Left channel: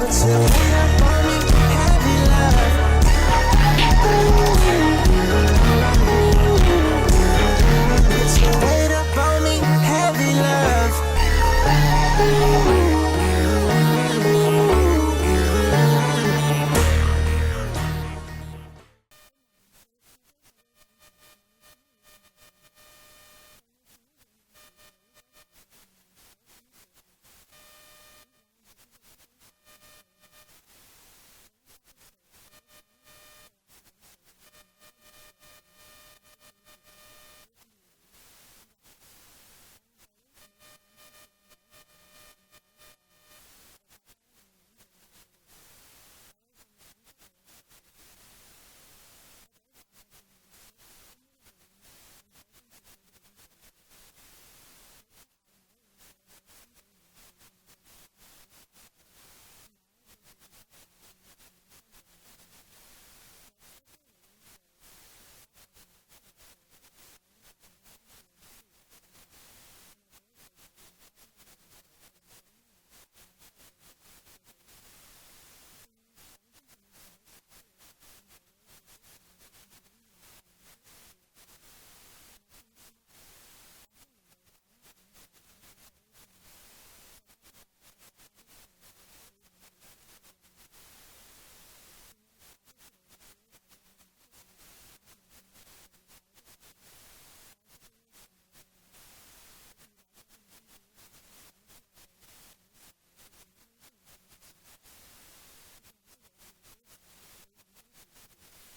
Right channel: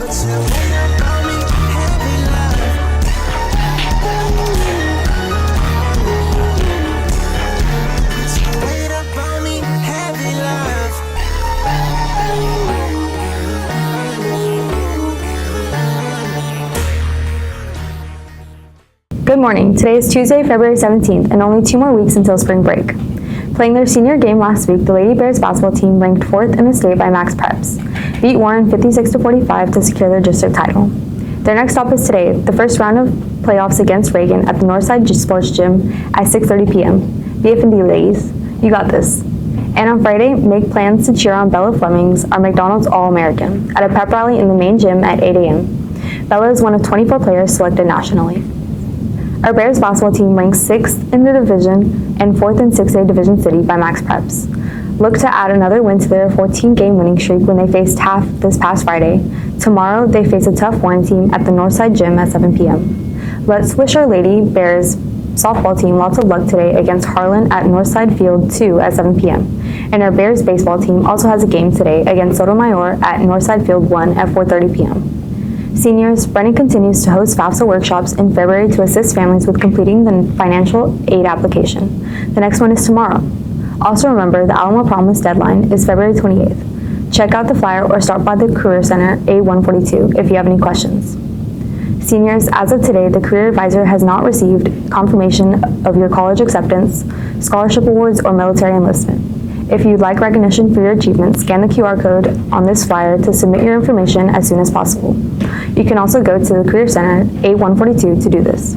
Good morning. Today is Tuesday, February 17th, and only 2 more weeks until spring break. Playing their senior game last week, the Lady Bears basketball team, ranked 4th in the state by max preps, beat Warren 56-45 to secure their district title. Their next stop is today, the first round of playoffs against Reagan at the Northside Sports Gym at 6:30 p.m. BF&D ladies, you got this. And on Friday, make plans to cheer on Bella Flemings, our McDonald's All-American, at a pep rally in the main gym at 8 a.m. Bella is one of 24 players selected nationally. Our Bears basketball team ranks 6th in the division and 4th in 6A Division City by max preps. Look to add another win to their 14-game winning streak when they faced Taft this past Friday. Tomorrow, they face a tough Warren team at the Northside Gym at 7 p.m. Let's wish our Lady Bears softball team lots of luck today against Harlan at Northside Field 2 at 7 p.m. And our Bears baseball team also has a game today against Sotomayor at Northside Field 1 at 4:30 p.m. Seniors, Brennan continues to host FAFSA workshops in February to assist families with completing the financial aid application. The next one is tomorrow. Also remember, the AlamoPROMISE deadline is February 28th. Check out the flyer or stop by the Career Center A142 if you have any questions. Seniors, as of today, the Career Advisor has not received confirmation of your college acceptance, scholarship awards, or military enlistment. If you'd like recognition for your achievements, scan the QR code on this flyer to submit your information as soon as possible. You can also go to the Career Center A142 to do this.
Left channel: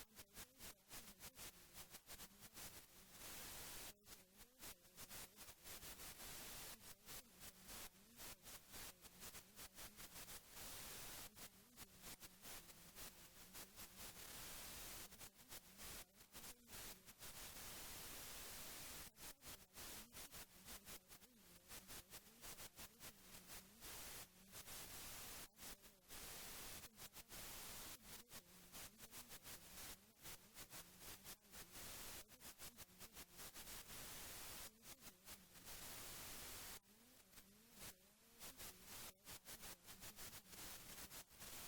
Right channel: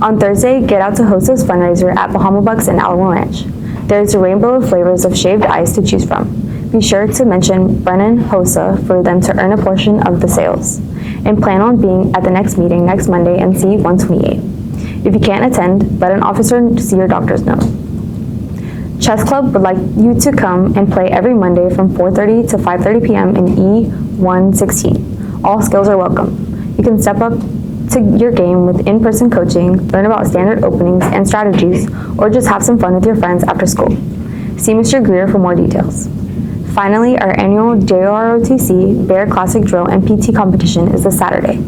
On Thursday, get out to HOSA's fundraiser at Bahama Bucks in Alamo Ranch. There's a rainbow of flavors of shaved ice to choose from. Be sure to mention Brennan HOSA for them to earn a portion of the sales. And plan on being at the next meeting next Monday and see 128. If you can't attend, let an officer see your doctor's note. Chess Club would like you to come and play every Monday from 4:30 to 5:30 p.m. in E116. All skills are welcome. You can step up to your game with in-person coaching, learn about standard openings and strategies, or just have some fun with your friends after school. See Mr. Greer for more details. Finally, our annual JROTC Bear Classic Drill and PT competition is this Saturday.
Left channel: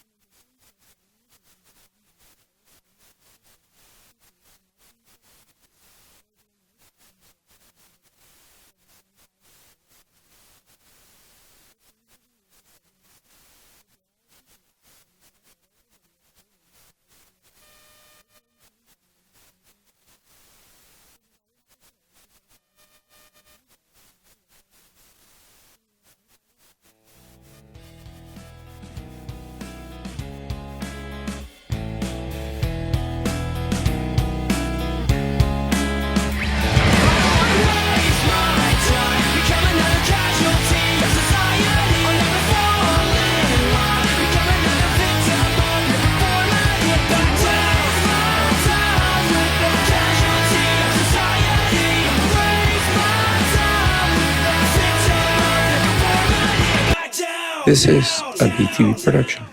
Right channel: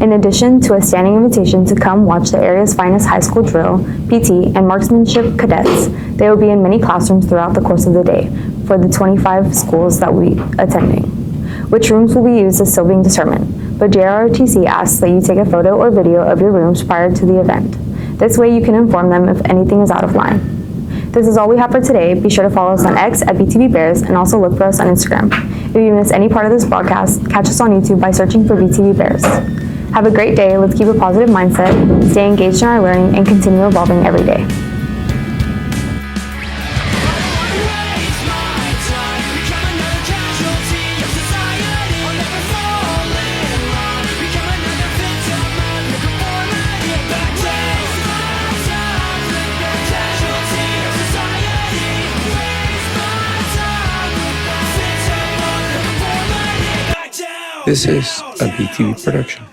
In addition to a standing invitation to come watch the area's finest high school drill, PT, and marksmanship cadets, they will be in many classrooms throughout the course of the day for the 25 schools that we attending. Which rooms will be used is still being determined, but JROTC asks that you take a photo or video of your rooms prior to the event. This way you can inform them if anything is out of line. This is all we have for today. Be sure to follow us on X at BTV Bears and also look for us on Instagram. If you miss any part of this broadcast, catch us on YouTube by searching for BTV Bears. Have a great day. Let's keep a positive mindset, stay engaged in our learning, and continue evolving every day. This is a BTV production.